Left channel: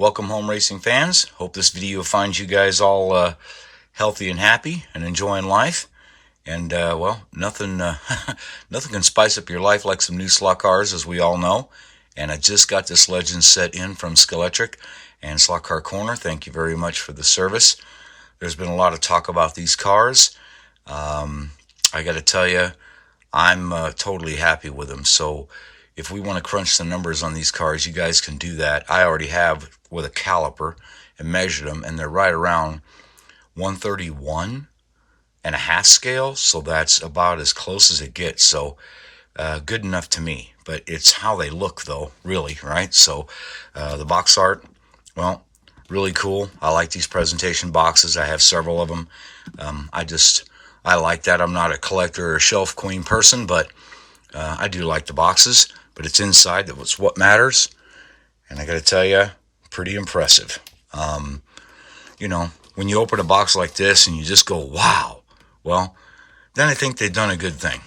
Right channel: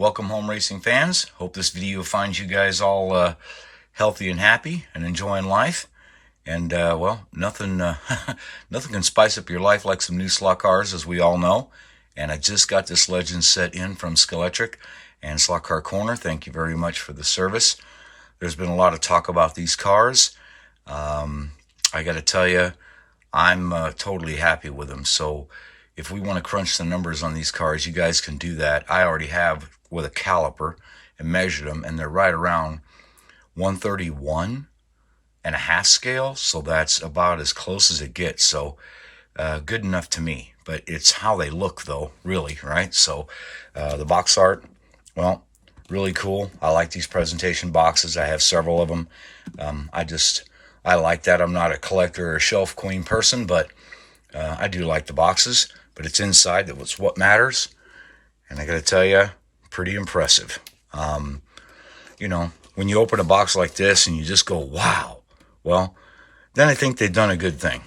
Welcome home, racing fans. Hope this video finds you guys all healthy and happy and enjoying life. And well, nothing nothing can spice up your life like some new slot cars, as we all know. And I just got this Legend set in from Scalextric and Slot Car Corner. Thank you very much for the service. There's been a lot of talk about these cars. I got to tell you, I'm totally happy with them. So if we want to crunch the numbers on these cars, you guys can do that. I already have with a caliper and measured them, and they're right around 131 and a half scale. So that's about as close as it gets. So good enough to me. But it's how they look, though, really, right? So the box art, well, really cool. I like these presentation boxes. I have several of them. I like that. I'm not a collector or a shelf queen person, but I do like the boxes. But it's inside that was what matters. And I got to tell you, pretty impressive. You know, when you open a box like this and you just go, wow, well, then I think they've done a good thing.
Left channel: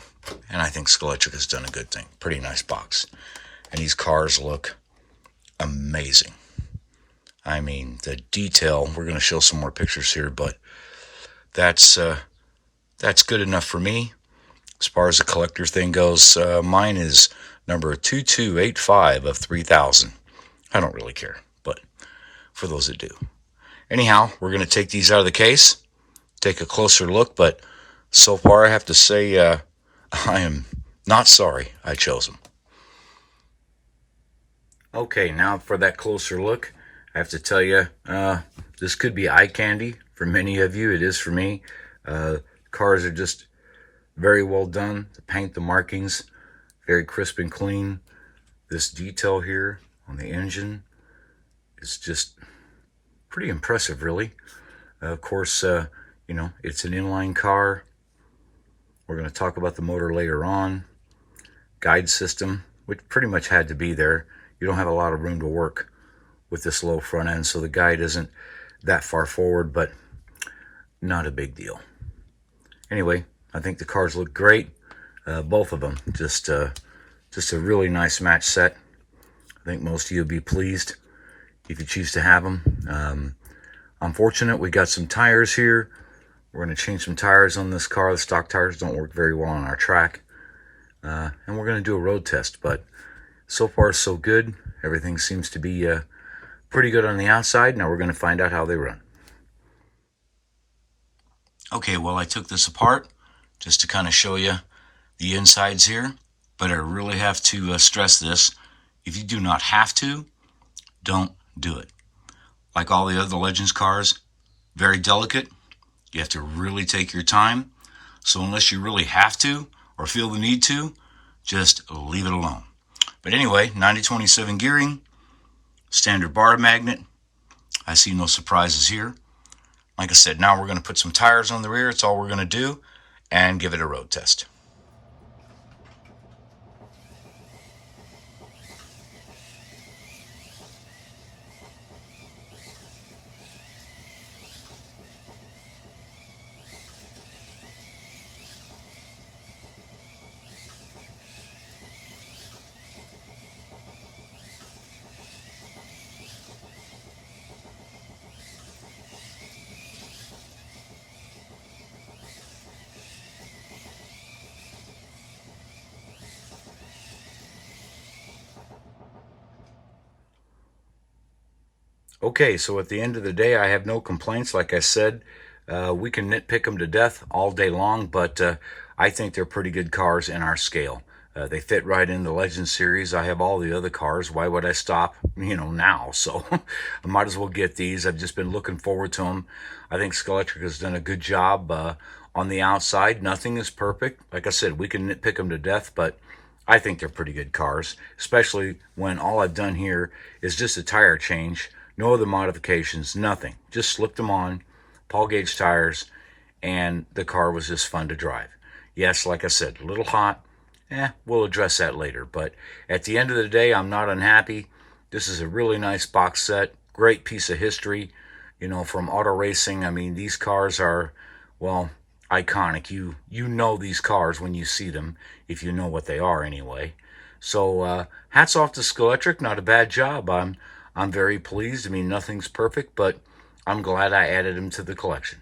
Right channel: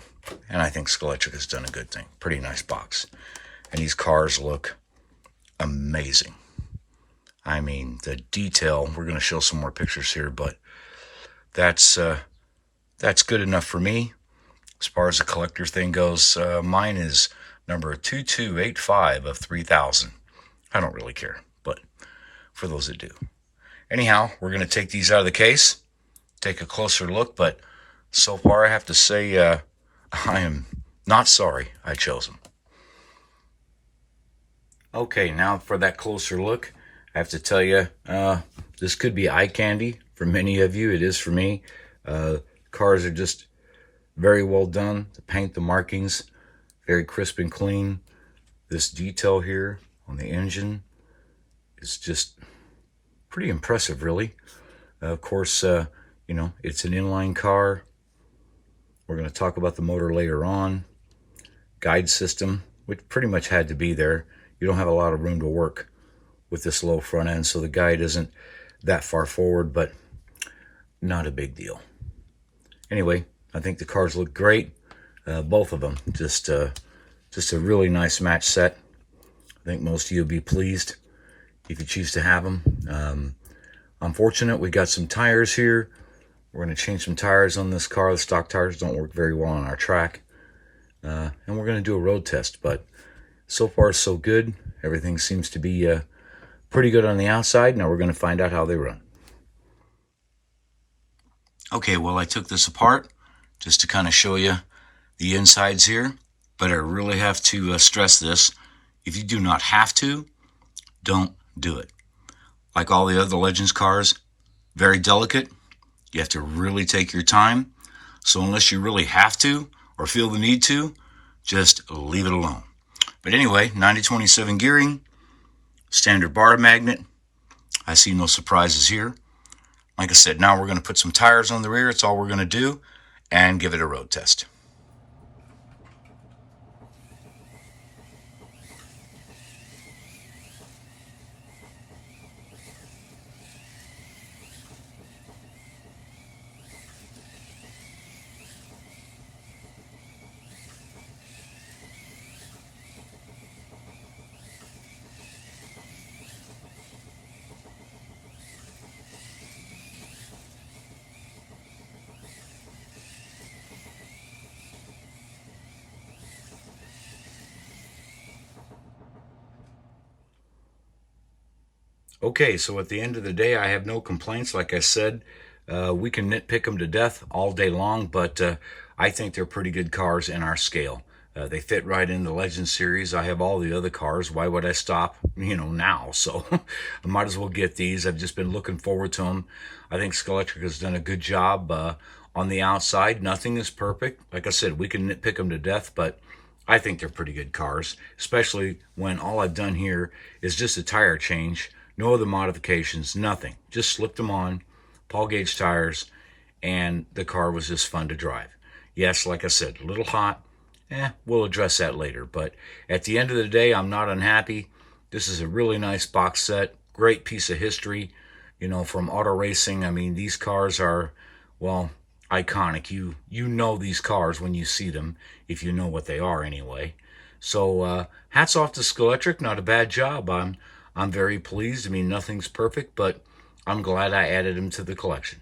And I think Scalextric has done a good thing. Pretty nice box. And these cars look amazing. I mean, the detail, we're going to show some more pictures here, but that's good enough for me. As far as the collector thing goes, mine is number 2285 of 3000. I don't really care, but for those that do. Anyhow, we're going to take these out of the case, take a closer look, but so far I have to say I am not sorry I chose them. Okay, now for that closer look, I have to tell you, this could be eye candy for many of you. It is for me. Cars are just very well done. The paint, the markings, very crisp and clean. This detail here on the engine is just pretty impressive, really. Of course, you know, it's an inline car. We're going to talk about the motor later on. Guide system, which pretty much had to be there. You don't have a lot of room to work with this low front end, so the guide isn't that far forward, but not a big deal. Anyway, I think the cars look great. Both of them. Just a really nice match set. I think most of you will be pleased if you choose to have them. Unfortunate, we got some tires here. We're going to change some tires on this car. The stock tires don't work very well on our track. And we're going to do a road test, but so far so good. Everything seems to be pretty good on the outside. Now we're going to find out how they run. Okay, well, I took this apart just to kind of show you the insides here, but I really have to stress this. If you do not have to, don't do it. Like all the other Legends cars, very delicate. You have to really take your time. So unless you really have to or feel the need to, just leave it alone. But anyway, 90/27 gearing, standard bar magnet. I see no surprises here. Like I said, now we're going to put some tires on the rear. It's all we're going to do, and give it a road test. Okay, so at the end of the day, I have no complaints. Like I said, we can nitpick them to death all day long, but I think they're pretty good cars in our scale. They fit right in the Legend series. I have all the other cars. Why would I stop, now? So I might as well get these. I've just been looking forward to them. I think Scalextric has done a good job on the outside. Nothing is perfect. Like I said, we can nitpick them to death, but I think they're pretty good cars, especially when all I've done here is just a tire change. No other modifications, nothing. Just slipped them on, Paul gauge tires, and the car was just fun to drive. Yes, like I said, a little hot. We'll address that later. But at the end of the day, I'm not unhappy. This is a really nice box set. Great piece of history, from auto racing. I mean, these cars are, well, iconic. You know these cars when you see them, if you know what they are anyway. So hats off to Scalextric. Not a bad job. I'm very pleased. I mean, nothing's perfect, but I'm glad I added them to the collection.